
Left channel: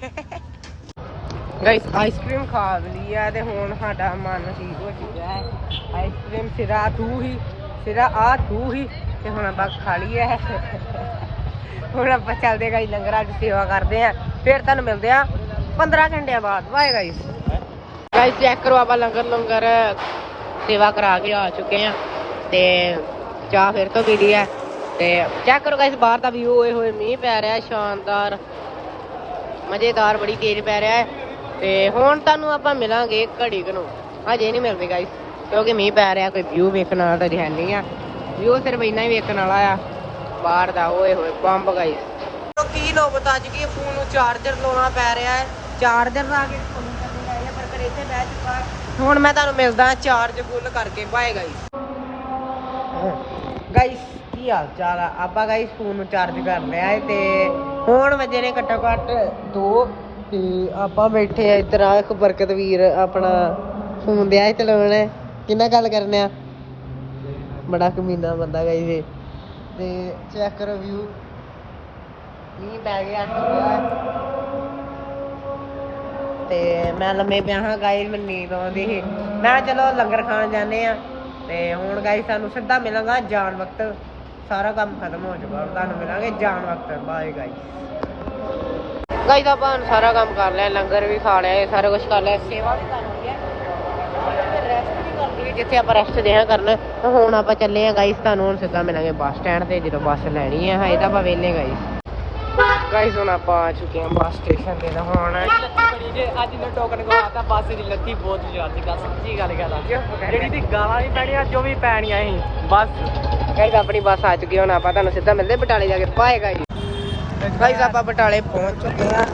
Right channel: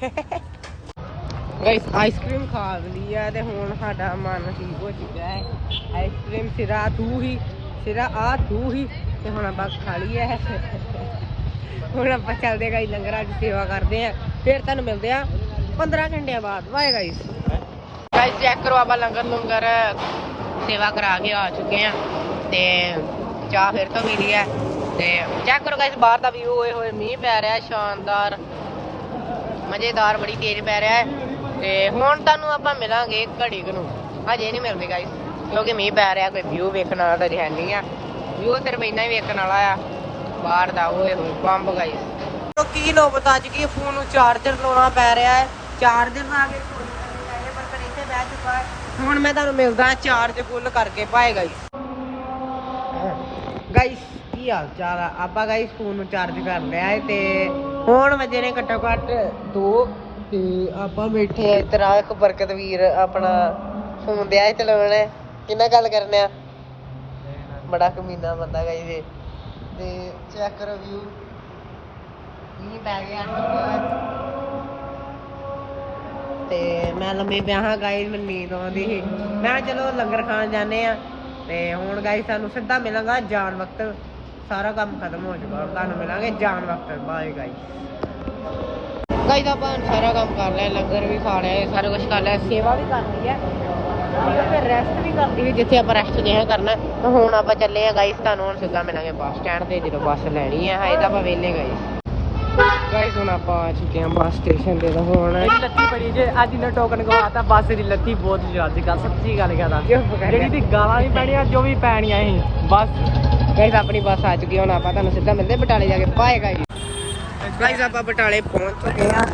ਗਾਇਸ ਆਈਸਕ੍ਰੀਮ ਖਾ ਲਈ ਆ ਤੇ ਹੁਣ ਸਾਡਾ ਮਨ ਠੀਕ ਹੋ ਚੁੱਕਾ ਹੈ। ਆਈਸਕ੍ਰੀਮ ਸਿਰਾ ਥੂ ਹੀ, ਸਿਰਾ ਆ ਤੂੰ ਹੀ ਤੇ ਹੁਣ ਆਪਾਂ ਖਾ ਲਈ ਹੈ ਹੁਣ ਆਪਾਂ ਚੱਲਦੇ ਗਾਈ ਲੰਗਰਾਂ 'ਚ ਸੇਵਾ ਕਰਦੇ ਆ ਫਿਰ ਤੁਹਾਨੂੰ ਮਿਲਦੇ ਆ 15 ਘੰਟਿਆਂ ਬਾਅਦ। Bye guys. ਗਾਈਸ, ਚੈੱਕ ਕਰੋ ਆਪਾਂ ਲੰਗਰ ਲੰਗਰ ਸੇਵਾ ਕਰਾ ਕੇ ਆ ਚੁੱਕੇ ਆ ਤੇ ਚਾਹ ਫਿਰ ਤੋਂ ਪੀ ਲਈ ਤੇ ਚੈੱਕ ਕਰੋ ਗਾਈਸ, ਬਾਹਰ ਦਾ ਵਿਊ ਹੋਏ ਹੋਏ, ਮੀਂਹ ਪੈ ਰਿਹਾ, ਸ਼ਾਨਦਾਰ, ਮਜ਼ੇਦਾਰ, ਬੜੀ ਤੇਜ਼ ਪੈ ਰਿਹਾ ਹੈ। ਤੇ ਹੁਣ ਤੁਹਾਨੂੰ ਆਪਾਂ ਮਿਲਾਂਗੇ ਘੜੀ ਘਰੋਂ ਅਜੇ ਨਹੀਂ ਮਿਲਦੇ ਗਾਈਸ, ਕਿਉਂਕਿ ਮੀਂਹ ਪੈ ਰਿਹਾ, ਕੋਈ ਵਿਊ ਵੇਖਣ ਵਾਲਾ ਤਾਂ ਹੈ ਨਹੀਂ ਆ। ਵਿਊ ਸਿਰਫ ਇੰਨਾ ਹੀ ਵੇਖਣ ਵਾਲਾ ਆ। ਬਾਹਰ ਦਾ ਓਏ ਹੋਏ ਬੰਬ ਗਾਈਸ ਤੋ ਕੀ ਨੌਬਤ ਅੱਜ ਕੀ ਫੋਨ ਨੂੰ ਚਾਰਜਰ ਲਾਉਣਾ ਪੈ ਰਿਹਾ ਹੈ? ਚਾਰਜਰ ਲਾ ਕੇ ਫੋਨ ਕਰਨੇ ਪੈ ਰਿਹਾ ਪਰ ਫਿਰ ਇੱਥੇ ਬਹਿ ਚੁੱਕਾ ਹੁਣ ਮੈਂ ਤੁਹਾਨੂੰ ਮਿਲਦਾ ਹਾਂ ਚਾਰਜ ਫੁੱਲ ਕਰਕੇ ਬਾਏ ਗਾਈਸ ਗਾਈਸ ਕੀ ਹਾਲ ਚਾਲ ਆ? ਆਪਾਂ ਗਾਈਸ ਫੋਨ ਨੂੰ ਚਾਰਜ ਕਰ ਲਿਆ ਹੈ ਤੇ ਹੁਣ ਵਜੇ ਨੇ ਘੱਟੋ ਘੱਟ 2 ਤੇ ਆਪਾਂ ਬੈਠੇ ਆ ਇੱਧਰ ਇੱਕ ਬਰਕਤ ਵੀਰ ਆਪਣਾ ਫੋਨ ਦਿਆ ਚਲਾਉਣ। ਕਿੰਨਾ ਗੱਲ ਕਰਨੇ ਆ? ਬੜਾ ਕਮੀਨਾ ਬੰਦਾ ਗਾਈਸ ਇਹ। ਤੇ ਚੈੱਕ ਕਰੋ ਵਿਊ ਮੀਂਹ ਪੈ ਗਿਆ ਥੋੜਾ ਤੇ ਮੈਂ ਲੰਮੇ ਪਿਆ ਹਾਂ ਗਾਇਸ ਨੀਂਦ ਆਉਂਦੀ ਸੀ। ਮੈਂ ਕਿਹਾ ਚਲੋ ਲੰਗਰ ਖਾਣ ਜਾਂਦੇ ਆ ਤੇ ਹੁਣ ਗਾਇਸ ਸਾਨੂੰ ਸਿੱਧਾ ਮਿਲਾਂਗਾ ਜਾਣ ਵਕਤ। ਸਾਰਾ ਕੰਮ ਖਤਮ ਹੋ ਚੁੱਕਾ ਹੁਣ ਤੁਹਾਨੂੰ ਮਿਲਾਂਗੇ ਜਾਣ ਵਕਤ। ਬਾਏ ਗਾਇਸ ਗਾਇਸ ਆਪਾਂ ਹੁਣ ਸਾਰਾ ਕੰਮ ਕਰ ਲਿਆ। ਲੰਗਰ ਵੀ ਖਾ ਲਿਆ ਸਾਰਾ ਕੁਝ ਕਰ ਲਿਆ। ਸੇਵਾ ਵੀ ਕਰ ਲਈ ਹੈ। ਰੈਸਟ ਵੀ ਹੈ ਜਿੱਥੇ ਆਪਾਂ ਰੈਸਟ ਦੇਹਾ ਕਰਨਾ ਤਾਂ ਹੁਣ ਆਪਾਂ ਚੱਲੇ ਆ ਗਾਇਸ ਤੁਹਾਨੂੰ ਹੁਣ ਸਿੱਧਾ ਮਿਲਾਂਗੇ ਬੱਸ ਸਟੈਂਡ ਤੇ ਜਦੋਂ ਬੱਸ ਲੈਣੀ ਹੈ ਹਜੇ ਤਾਂ ਆਪਾਂ ਵੇਲੇ ਗਾਇਸ ਗਾਇਸ ਹੁਣ ਆਪਾਂ ਆ ਚੁੱਕੇ ਹਾਂ ਬੱਸ ਸਟੇਸ਼ਨ ਤੇ ਤਾਂ ਹੁਣ ਲੱਤੀ ਬੜੀ ਜੇ ਅੱਜ ਨੇ ਟੋਕਨ ਕੋਲ ਬੱਸ ਦੀ ਲੱਤੀ ਬਹੁਤ ਜ਼ਿਆਦਾ ਗੱਲ ਸੱਚੀ ਗੱਲ ਕਰਦਾ ਜਿਹੜੀ ਦੀ ਗਾਲਾਂ ਵੀ ਪੈਣੀਆਂ ਜੋ ਵੀ ਪੈਣੀਆਂ ਸੀ ਬਸ। ਗਾਇਸ ਆਪਣੀ ਬੱਸ ਆ ਚੁੱਕੀ ਹੈ, ਹੁਣ ਆਪਾਂ ਤੁਹਾਨੂੰ ਸਿੱਧਾ ਮਿਲਦੇ ਬਟਾਲੇ ਜਾ ਕੇ। ਬਾਏ ਗਾਇਸ ਆਪਾਂ ਬਟਾਲੇ ਪਹੁੰਚ ਚੁੱਕੇ ਹਾਂ।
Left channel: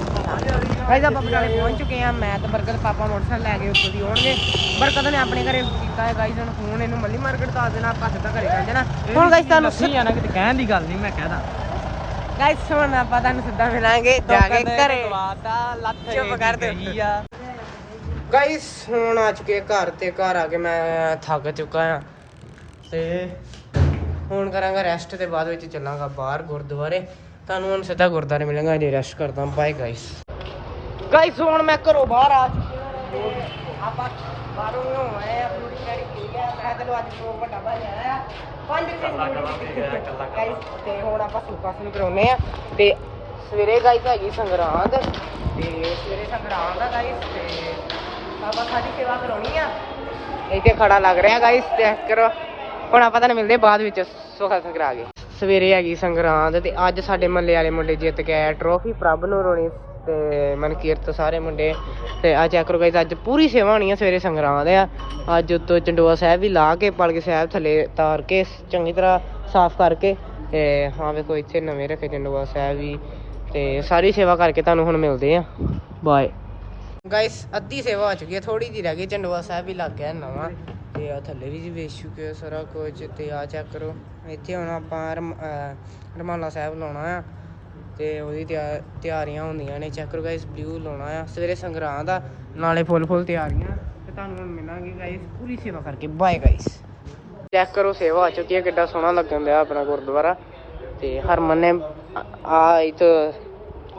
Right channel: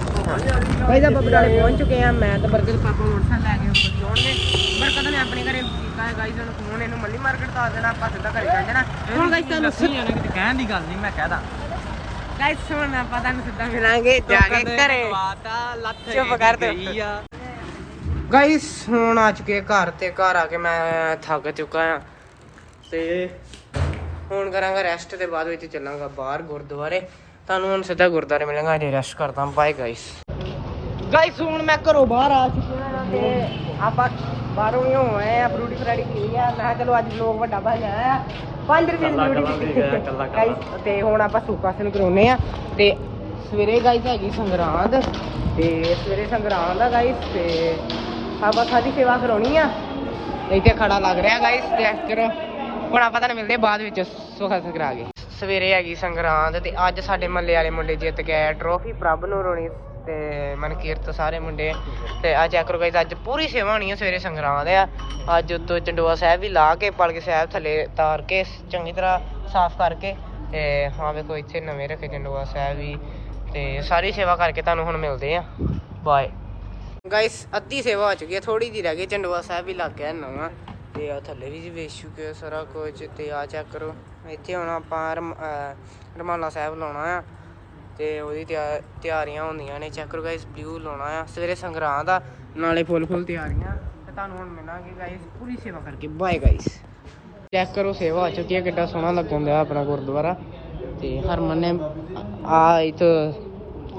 ਗਾਇਸ ਆਪਾਂ ਬਟਾਲੇ ਪਹੁੰਚ ਚੁੱਕੇ ਹਾਂ। ਮੈਂ ਤੇ ਬਰਕਤ ਪਾਪਾ ਮੋਟਰਸਾਈਕਲ ਲੈ ਕੇ ਉੱਥੋਂ ਦੀ ਆਉਣਗੇ। ਬਰਕਤ ਨੇ ਆਪਣੇ ਘਰੇ ਕੀਤਾ ਹੈ ਗਾਇਸ ਹੁਣ ਫੋਨ ਇਹਨੂੰ ਮੱਲੀ ਮਾਰਕੀਟ ਆ ਦੇਣਾ ਆਪਾਂ ਸਿੱਧਾ ਘਰੇ ਚੱਲ ਜਾਣਾ। ਹੁਣ ਗਾਇਸ ਤੁਹਾਨੂੰ ਆ ਨਾ ਕਿਤੇ ਕਹਿਣ ਦੀ ਗੱਲ ਨਹੀਂ ਮੈਂ ਕਹਿਦਾ ਗਾਇਸ ਹੁਣ ਆਪਾਂ ਤੁਹਾਨੂੰ ਸਿੱਧਾ ਮਿਲਾਂਗੇ ਜਾ ਕੇ ਘਰੇ। ਚੁੱਪ ਕਰ ਦਿਓ। ਗਾਇਸ ਹੁਣ ਆ ਚੁੱਕੇ ਘਰ ਤੇ ਘਰ ਆ ਕੇ ਮੈਂ ਥੱਕ ਚੁੱਕਾ ਹਾਂ। ਤੇ ਹੁਣ ਕਰਾਂਗਾ ਰੈਸਟ ਤੇ ਬਾਅਦ ਵਿੱਚ ਚੱਲਾਂਗਾ ਬਾਹਰ ਗੁਰਦੁਆਰੇ। ਤੁਹਾਨੂੰ ਹੁਣ ਸਿੱਧਾ ਗੁਰਦੁਆਰੇ ਮਿਲਾਂਗਾ ਜੇ ਰੈਸਟ ਕਰਦਾ ਬਾਏ ਗਾਇਸ ਗਾਇਸ ਹੁਣ ਮੈਂ ਘਰੋਂ ਬਾਹਰ ਆ ਚੁੱਕਿਆ ਤੇ ਆਪਾਂ ਬਾਹਰੋਂ ਹੀ ਹੋਏ ਆ ਫਰੂਟੀ ਫਰਾੜੀ ਪੀ ਆ। ਮੈਂ ਚਲੋ ਅੱਜ ਵਲੋਗ ਵੱਡਾ ਬਣ ਜਾਣਾ ਆ। 5 ਰੁਪਏ ਦੀ। Guys, ਤੇ ਹੁਣ ਆਪਾਂ ਸੁੱਕਾਸਨ ਕਰਾਉਨੇ ਆ। ਤੇ ਸਵੇਰੇ ਗਾਇਸ ਹੈਗੀ ਸੰਗਰਾਂਦ। ਤੇ ਸਵੇਰੇ ਸੰਗਰਾਂਦ ਆ ਗਾਇਸ ਤੇ ਆਪਾਂ ਸਾਡੀ ਸੇਵਾ ਕਰਾਉਣੀ ਆ। ਇੱਥੇ ਖੜਾ ਲੱਗ ਰਿਹਾ ਗਾਇਸ ਚੈੱਕ ਕਰੋ। ਹੁਣ ਆਪਾਂ ਤੁਹਾਨੂੰ ਮਿਲਦੇ ਆ ਬਾਅਦ ਵਿੱਚ ਸੁਖਾਸਨ ਕਰਾ ਕੇ। ਸਵੇਰੇ ਹੈਗੀ ਸੰਗਰਾਂਦ ਤੇ ਅੱਜ ਸਾਡੇ ਮੱਲੇ ਵਾਲੇ ਮੁੰਡੇ ਜਿੱਤ ਕੇ ਟਰੋਫੀ ਪ੍ਰਭ ਨੂੰ ਰੋਣੀ ਤੇ ਮਨਕੀਰਤ ਸਾਰੇ ਮੁੰਡੇ। ਤੇ ਆ ਚੈੱਕ ਕਰੋ ਗਾਇਸ ਅੱਜ ਪੂਰੀ ਸੇਵਾ ਹੋਣੀ ਆ ਸਵੇਰੇ ਸੰਗਰਾਂਦ ਆ। ਅੱਜ ਉੱਤੋਂ ਚੰਡੋਆ ਸਾਹਿਬ ਵੀ ਲਾ ਕੇ, ਪਲਕ ਸਾਹਿਬ ਥੱਲੇ ਤਾਰ ਕੇ, ਚੰਗੀ ਤਰ੍ਹਾਂ ਸਾਫ਼ ਕਰਕੇ ਤੇ ਹਾਂ ਵੇਖੋ ਇੱਥੇ ਨਵੇਂ ਰੱਖੇ ਚੰਡੋਆ ਸਾਹਿਬ ਵੀ ਤੇ ਸਾਰੀ ਸੇਵਾ ਕਰਕੇ ਤੁਹਾਨੂੰ ਹੁਣ ਮਿਲਦੇ ਆ। ਬਾਏ ਗਾਇਸ ਅੱਧੀ ਸੇਵਾ ਹੋ ਚੁੱਕੀ ਹੈ ਥੋੜੀ ਜਿਹੀ ਰਹਿ ਗਈ, ਚੰਡੋਆ ਸਾਹਿਬ ਵੀ ਲੱਗ ਗਿਆ ਨਵਾਂ। ਤੇ ਆ ਥੱਲੇ ਵੀ ਵੇਚ ਚੁੱਕੇ ਆ ਸਾਰਾ ਕੁਝ ਤੇ ਆ ਚੈੱਕ ਕਰੋ। ਇੱਥੇ ਹੁਣ ਆਪਾਂ ਰਮ- ਰਮਾਲਾ ਸਾਹਿਬ ਲਾਉਣਾ ਆ ਤੇ ਉਹਦੀ ਤਿਆ- ਤਿਆਰੀਆਂ ਹੁੰਦੀਆਂ ਨੇ। ਚੈੱਕ ਕਰੋ ਗਾਇਸ ਬਲੂ ਲਾਉਣਾ ਆ। ਸਵੇਰੇ ਸੰਗਰਾਂ ਦਾ ਨਾਲੇ ਫੁੱਲ ਫੁੱਲ ਤਿਆਰੀਆਂ ਤੇ ਤੁਹਾਨੂੰ ਹੁਣ ਮਿਲਾਂਗੇ ਗਾਇਸ ਪੂਰੀ ਸੇਵਾ ਕਰਕੇ। ਬਾਏ ਗਾਇਸ ਚੈੱਕ ਕਰੋ, ਸੇਵਾ ਆ ਚੁੱਕੀ ਹੈ ਕਿੱਡਾ ਸੋਹਣਾ ਲੱਗਣ ਦਿਆ ਆਪਣਾ ਗੁਰਦੁਆਰਾ। ਤੇ ਹਰਮਨ ਨੇ ਆ ਇਥ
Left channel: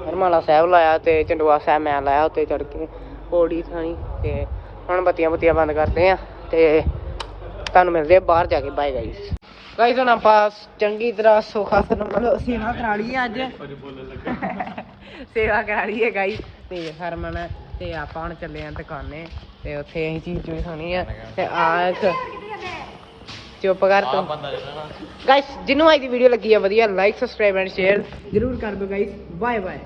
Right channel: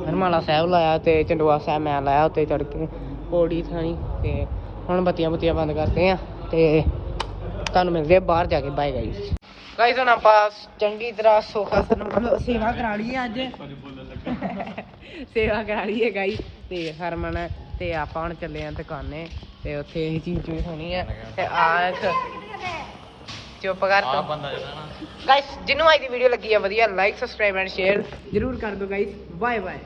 ਹਰਮਾਲਾ ਸਾਹਿਬ ਲਾਇਆ ਤੇ ਚੰਡਵਾ ਸਾਹਿਬ ਮੈਂ ਲਾਇਆ ਉੱਤੇ ਚੜ ਕੇ। ਪੌੜੀ ਥਾਣੀ ਤੇ ਹੁਣ ਬੱਤੀਆਂ ਬੁੱਤੀਆਂ ਬੰਦ ਕਰਦੇ ਆ। ਤੇ ਤੁਹਾਨੂੰ ਮਿਲਦੇ ਆ, ਬਾਹਰ ਜਾ ਕੇ ਬਾਏ ਗਾਇਸ ਗਾਇਸ ਹੁਣ ਆਪਾਂ ਚੰਗੀ ਤਰ੍ਹਾਂ ਸੁਖਾ ਸੇਵਾ ਕਰਾ ਲਈ ਅੱਜ। ਸੇਵਾ ਕਰਾ ਲਈ ਹੈ ਗਾਇਸ ਤੇ ਹਰਮਨ ਤੇ ਆਪਾਂ ਹੁਣ ਚੱਲੇ ਆ ਦੁਕਾਨੇ, ਤੇ ਉੱਥੇ ਇਹ ਚੀਜ਼ ਚੂਜ਼ ਹੋਣੀ ਆ, ਤੇ ਆ ਇੱਕ ਚੁੱਪ ਕਰ ਤੂੰ। ਗਾਇਸ ਜਿਹਨੂੰ ਅੱਜ ਦੀ ਵੀਡੀਓ ਲੱਗੀ ਆ, ਵਧੀਆ ਲਾਈਕ ਸਬਸਕ੍ਰਾਈਬ ਐਂਡ ਸ਼ੇਅਰ ਜਰੂਰ ਕਰ ਦਿਓ ਗਾਈਸ ਬਾਏ ਬਾਏ